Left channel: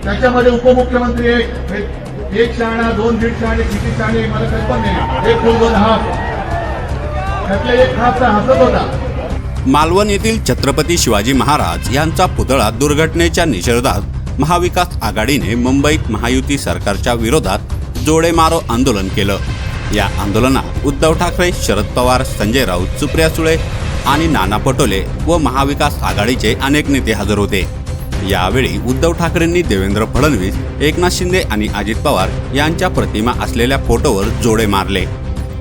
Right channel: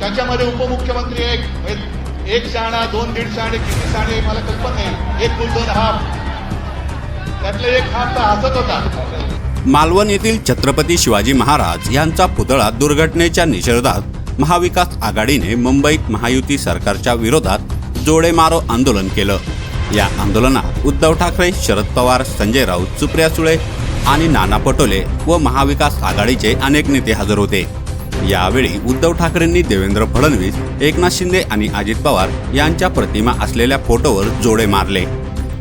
त्याच्यामध्ये उपमुख्यमंत्री एक- शाळा दोन दीड शाळे किती शाळे एक दोन त्यातले एक मात्र हातात होता मालवण येथील छत्रपती शिवाजी महाराज यांचा पुतळा दुर्घटनेच्या निषेधात महाविकास आघाडीने मुंबईत महायुती सरकारच्या विरोधात जोडे मारो आंदोलन केलं. या आंदोलनात उद्धव ठाकरे शरद पवार संजय राऊत सुप्रिया सुळे आणि नाना पटोले व महाविकास आघाडीचे अनेक नेते हजर होते. यावेळी उद्धव ठाकरेंनी देवेंद्र फडणवीस एकनाथ शिंदे आणि अजित पवार यांच्या प्रतिमा असलेल्या फोटोवर जोडे मारले.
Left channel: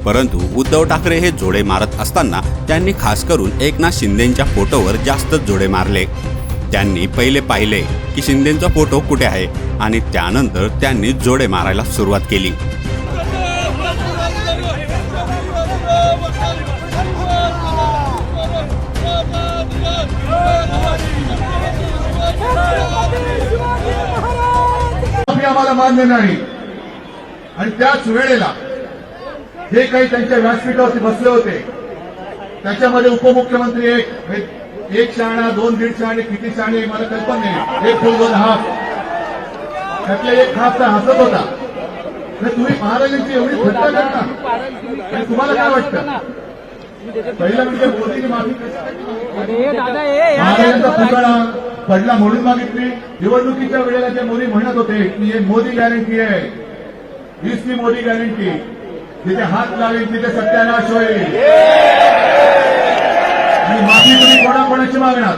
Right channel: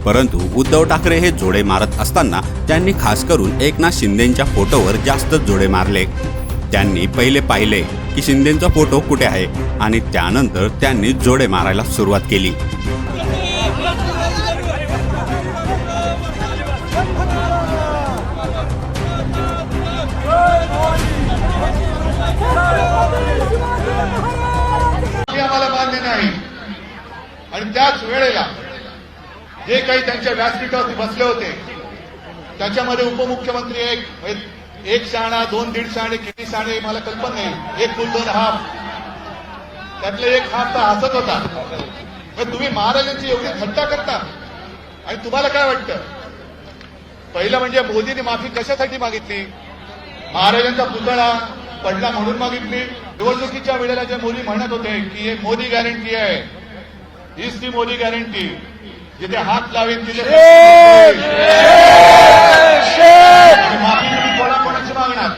परंतु उद्धव ठाकरे हे जोडे मारत असताना त्यांनी खास करून एकनाथ शिंदेच्या फोटोवर जास्त जोडे मारले. त्यांनी पहिले पाहिले की शिंदेचा फोटो कुठे आहे आणि त्यानंतर त्यांनी जोडे मारायला सुरुवात केली. आणि त्याच वेळेला जे काही त्यांच्या व्यासपीठावर बसले होते त्याच्यामध्ये उपमुख्यमंत्री एक- शाळा दोन दीड शाळे किती शाळे मला कल्पना नाही. एक दोन त्यातले एक मात्र हातात होता. तर तुम्ही महाराजांची एवढी थोटा करता आणि तुम्हाला काय वाटतं? पहिलं म्हणजे मोदींनी माफी कशासाठी मागितली? महाराजांचा पुतळा पडला म्हणून मागितली. निवडणुकीच्या वेळेला ते मोदी म्हणत होते की हे मोदी गॅरंटी आहे. हीच ती मोदी गॅरंटी जिथे हात लावेल तिथे सत्यानाश होईल. आणि माफी तुम्ही कोणाकोणाची मागणार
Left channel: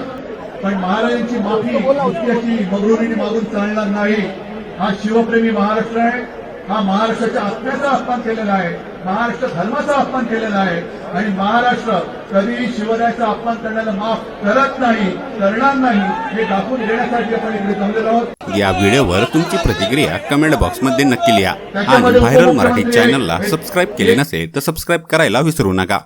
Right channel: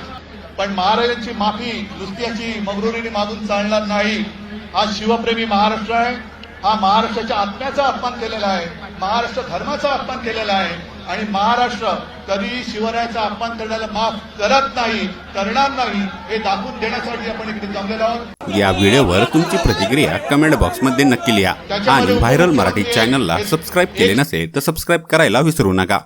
आणि महाराजांची माफी इतिहाची मगरुरी मागून चालणार नाही. हा शिवप्रेमी महाराष्ट्र आहे. हा महाराष्ट्राच्या आत्म्याचा अपमान केलेला आहे. महाराष्ट्र धर्माचा अपमान केलेला आहे. आणि महाराष्ट्र कधी शिवरायाचा अपमान करण्याला माफ करत नाही करणार नाही हे दाखवून देण्यासाठी आपण इथे चाललेलो आहोत. या व्हिडिओवर तुमची प्रतिक्रिया कमेंट बॉक्समध्ये नक्की लिहा. आणि व्हायरल मराठी चॅनलला सबस्क्राईब केले नसेल तर सबस्क्राईब करायला विसरू नका.